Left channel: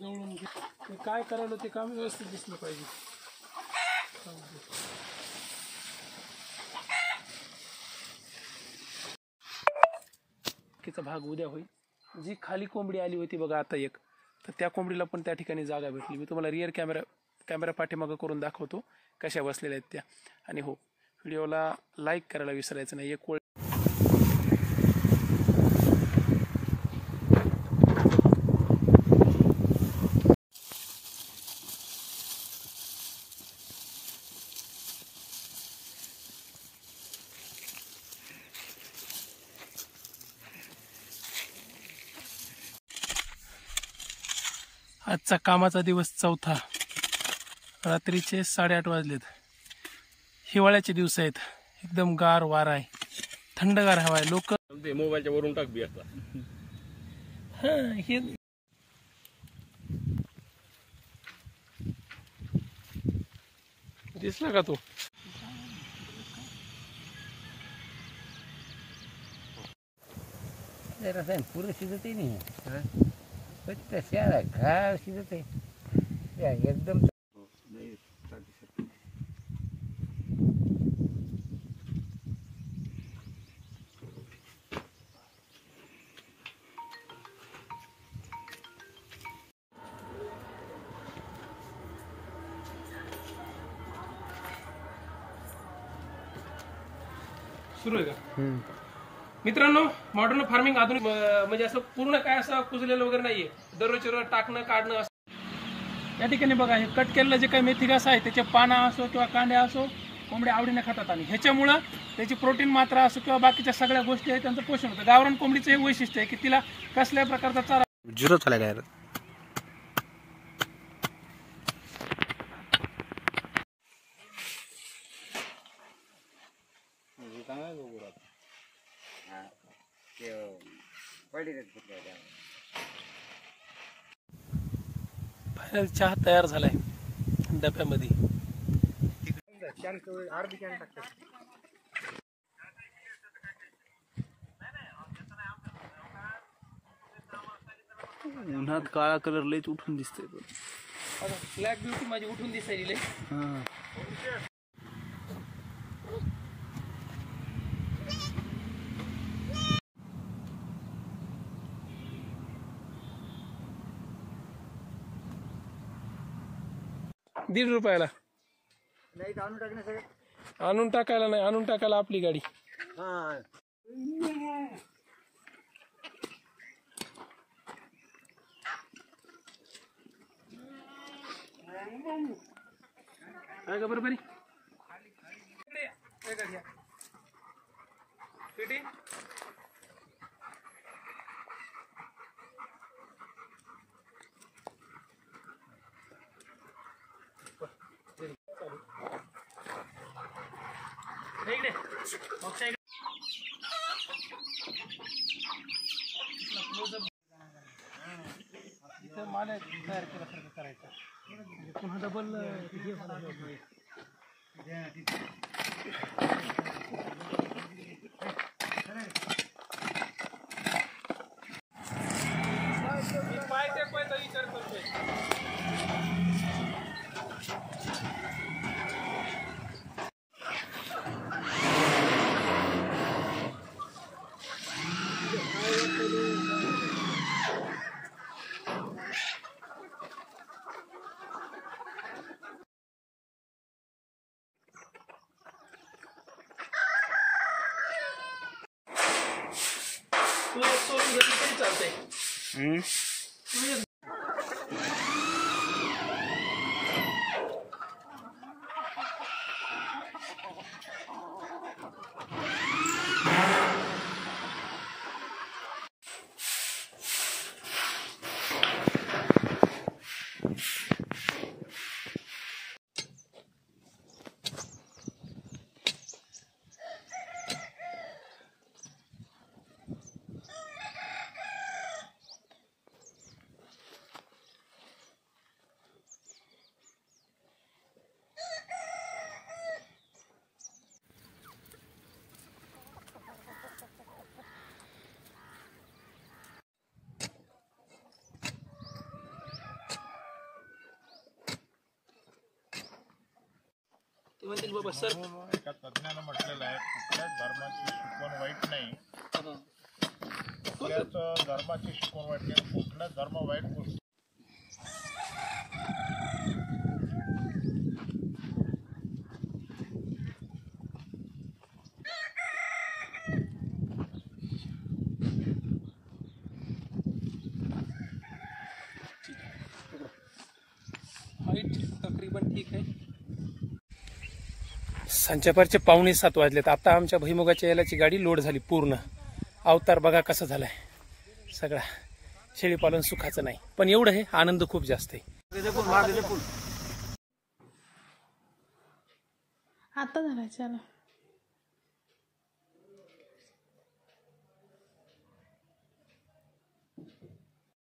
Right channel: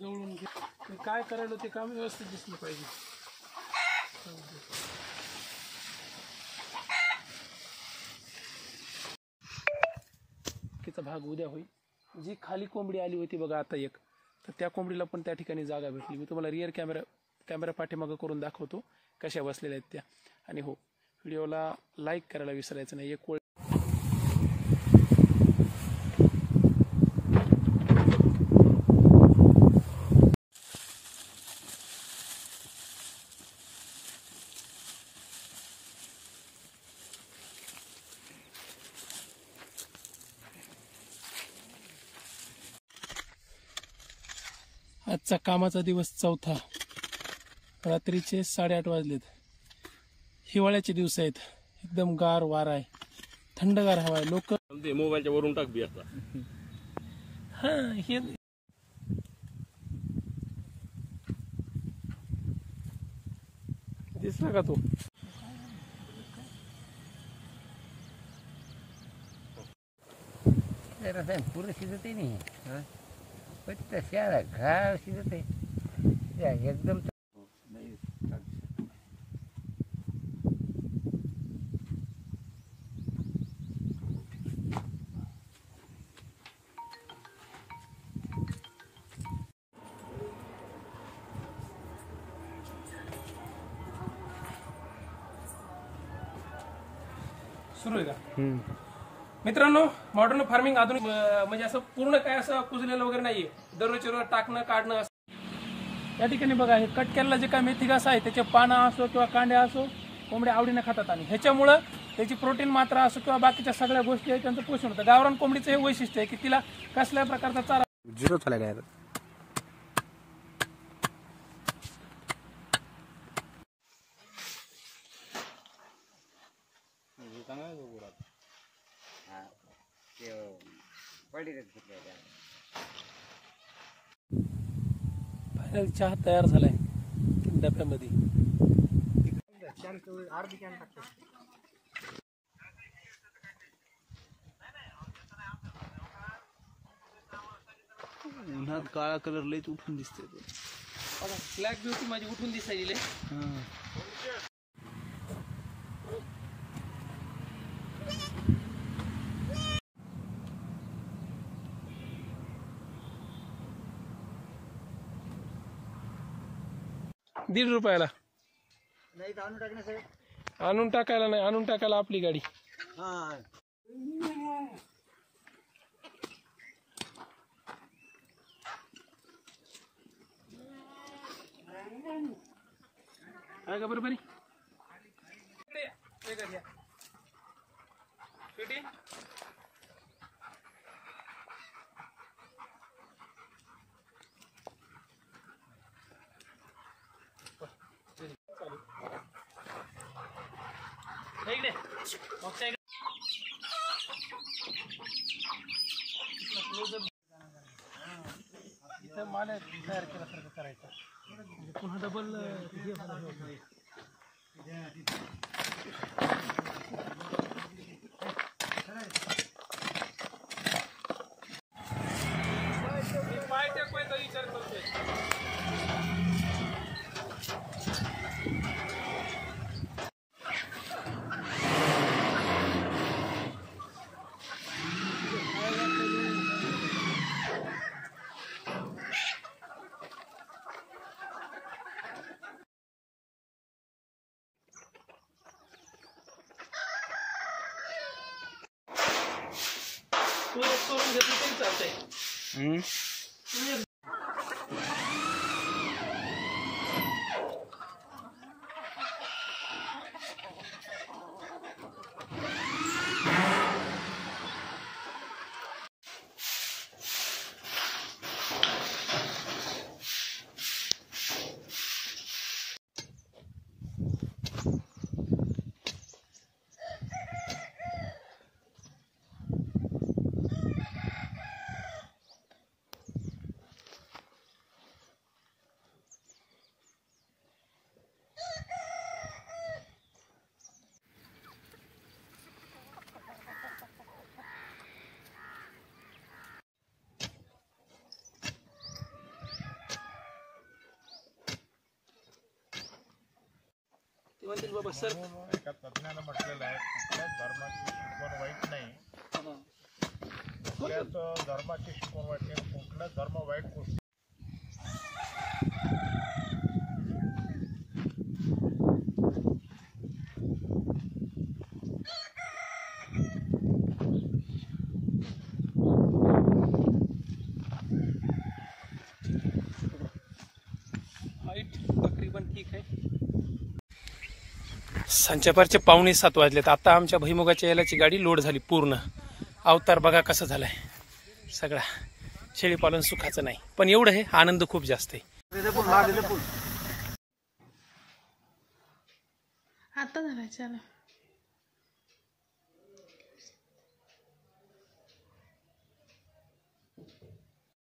जवळून काय करायला ते काम व्यवस्थित दिसलं पाहिजे. चा भाग उद्या होईल. जी खाली कोंबडी आली होती बघा आता एक, तर त्या कोंबडीला पण त्या ठिकाणी जागा भेटली. मी तुम्हाला रिअर कॅमेरा पाठीमागं करून दाखवतो कशा बसलेल्या आहेत त्या. आणि हो, व्हिडिओला लाईक करायला विसरायचं नाही. एक आजचा कामाचा दिवस चौथा. रात्रीचे 8:30 वाजलेत. हिवाळ्याचे दिवस आहेत. एकदम गार वारा आहे, थंडगार हवा आहे. लोक मोबाईलच्या वरून टाक बी आता. हे दिसला का तो? पूर्ण शिजत नाही, घा शिजत एकदम. सुरू आहे का मित्रांनो? मॉडर्न फार्मिंग आधुनिक म्हणजे असं पूर्ण काय असं कुजलेलं वगैरे नाहीये. दररोजच्या रोज टाकणं काढणं असं. या ठिकाणी बघा, हे कट केलेला जे काय मेथी घास आहे त्याचे पानं असो किंवा कांड्या असो कोंबड्या आवडीने खातात. आणि ह्याच्यामुळं त्याची प्रोटीन मात्रा असो किंवा बाकीच्या सगळ्या गोष्टी आहेत त्यांचं पोषण होतं. गावरान कोंबडीचं हे वैशिष्ट्य आहे की तिला कसल्या प्रकारचा चारा झिरो चालेल यार. फायनल चहा तयार झालाय डब्यामध्ये. उन्हात काळा कलर लयच उठून दिसतोय. ब्लॅक ब्युटी माझी उठून दिसायली. ₹1.5 आणून टाकायला नाही, आणून टाकायला आपली गाडी. आहे का बरोबर? इथं माल तयार केल्यासारखं करायचं, पुन्हा डबल विचार करते. सोडून घेतलं तरी चालतंय. म्हणतील बाबा सर एका तज्ञानं म्हटलेलं आहे कुठल्याच धर्माची शिकवण वाईट नाही, कुठल्याच धर्माची शिकवण वाईट नाही, कुठलाच धर्म वाईट गोष्टी हाईट तकरीबन ठीक आहे. संचापारचे 6:45 वाजलेत. आता आमच्या भुईमुगाच्या यालाची गाडी लोड झाली पूर्ण. अवतार बघा कसं झालाय सगळा. शेळीपालन सुखाचं नाही, पण एवढं आहे आनंद खूप जास्त आहे. आता झाला चला.